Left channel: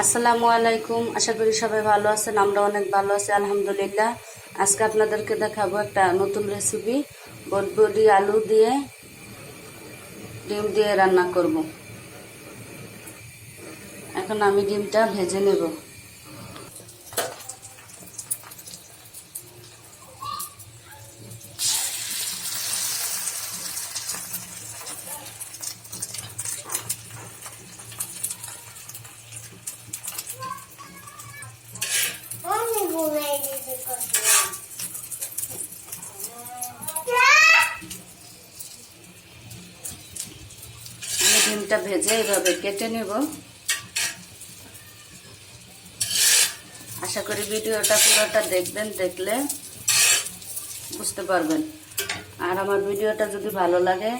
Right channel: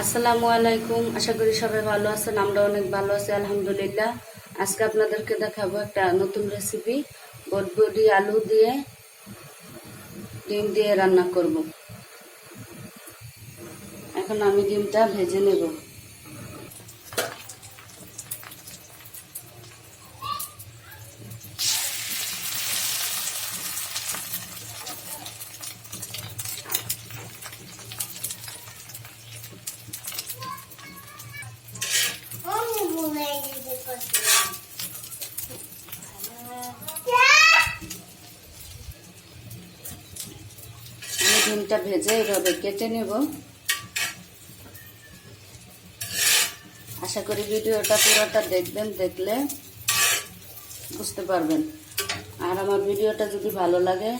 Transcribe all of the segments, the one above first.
আসসালামু আলাইকুম। আশা করি সবাই ভালো আছেন। আমরা অনেক ভালো আছি আলহামদুলিল্লাহ। আজকে আপনাদেরকে দেখাবো একটা নতুন রেসিপি, বটবটি আলু দিয়ে ডিম দিয়ে রান্না করব। এখন আমি ডিমটা ভেজে নেব। আমি ডিমটা ভেজে এইভাবে কেটে নেব। আশা করি ভিডিওটা পুরোটা দেখবেন, দেখলে বুঝতে পারবেন। আর আমার ভিডিওটা যদি ভালো লাগে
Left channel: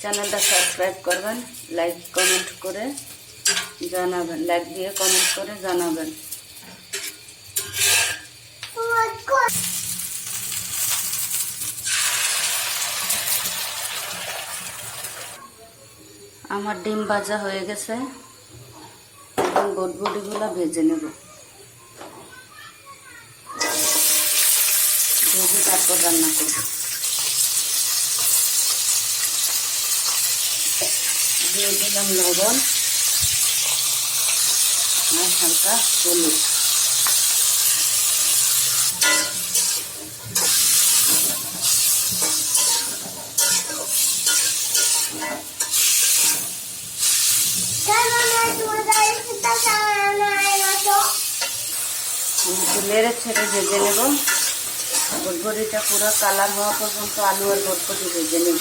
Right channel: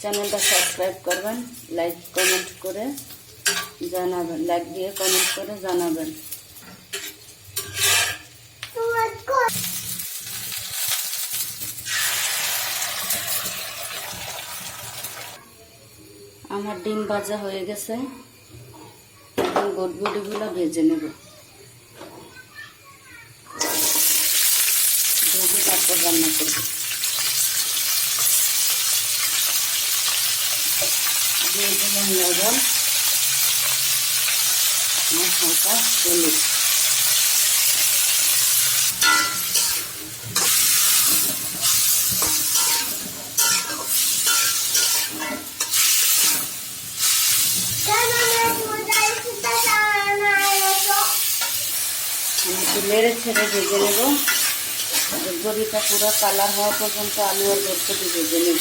চ্যানেলটা সাবস্ক্রাইব করবেন, লাইক কমেন্ট করে জানাবেন, লাইক দিয়ে কমেন্ট করে জানাবেন। আমার ডিম ভাজা হয়ে গেছে, এখন বটবটিগুলো ভেজে নেব। ভেজে তারপর রান্না করব। দিয়ে দিলাম লবণ আর হালকা হলুদ। আমি একটু নেড়ে ছেড়ে ভেজে নেব। বটবটিটা পুরো কালার হওয়া পর্যন্ত আলু আর বটবটি ভেজে নেব।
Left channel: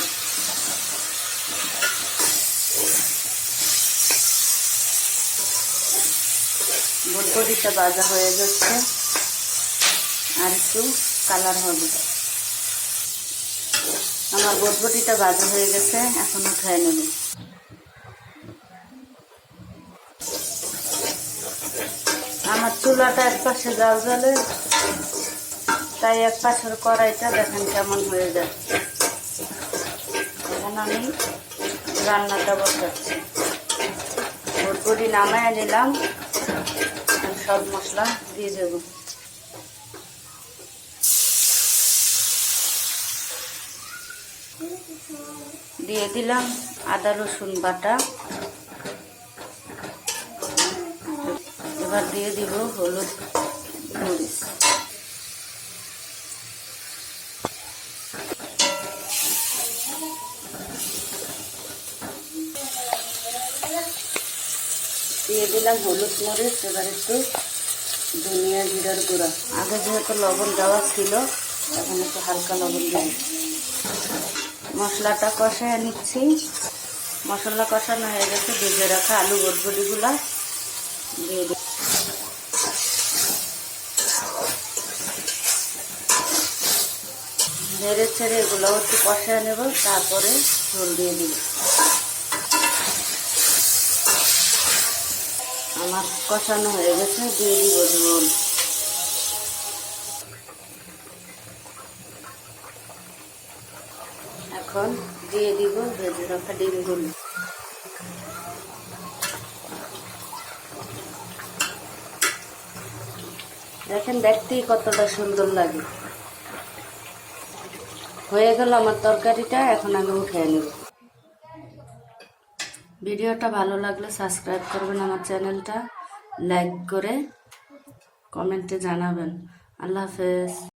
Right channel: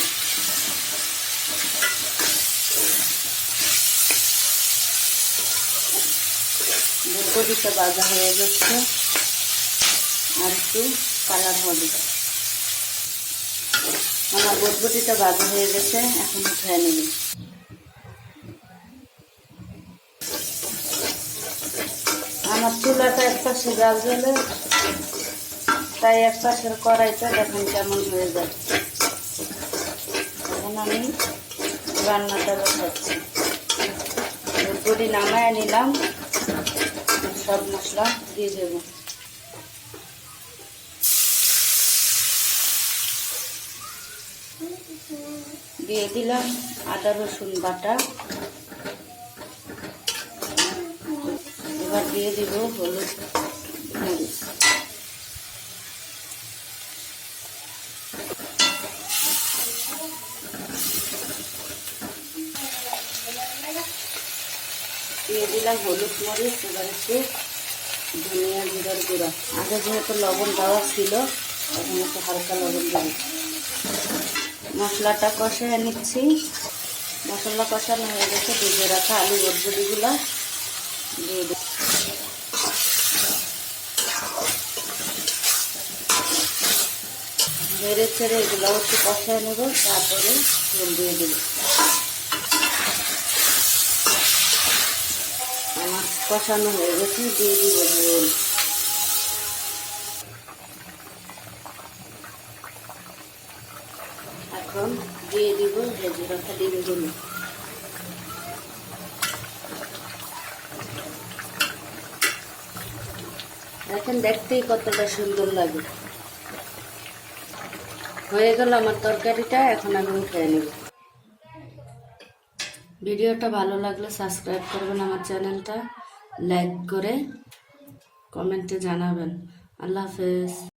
বটবটিটা ভাজা হয়ে গেছে, আর একটু কালার হবে। আমার বটবটিটা ভাজা হয়ে গেছে, এখন উঠায় নেব। আমার চুলাটা এক পাশে জাল জ্বলে, তাই এক পাশের কড়াইটা দেখেন কেমন হয়ে যায়। এখন আমি রান্নাটা বসাচ্ছি। বটবটি নামায় নিলাম, সব মশলা দিয়ে দেব। দিয়ে দিলাম আদা রসুন বাটা। এবার দিয়ে দিব হলুদ মরিচ। দিয়ে দিলাম হলুদ মরিচ। এবার একটু ধনিয়া জিরার গুঁড়া। আগে যেহেতু লবণ দেওয়া ছিল, এখন একটু হালকা লবণ দেব। মশলাটা কষিয়ে নিচ্ছি। মশলা কষানো হয়ে গেছে, ভেজে রাখা আলু বটবটিগুলা দিয়ে দিই। নেড়ে ছেড়ে এগুলো একটু কষিয়ে নেব, তারপরে ঝোল দিয়ে দিব। আমার কষানো হয়ে গেছে, দিয়ে দিব ঝোল। এখন দিয়ে দিব ভেজে রাখা ডিমগুলো। দেখেন দেখতেই কতটা সুন্দর লাগে। হয়ে গেল আমার তরকারিটা, এখন আমি উঠিয়ে নেব। ভিডিওটা ভালো লাগলে সাবস্ক্রাইব করবেন, আমার চ্যানেলটা লাইক করে কমেন্টে জানাবেন। আল্লাহ হাফেজ।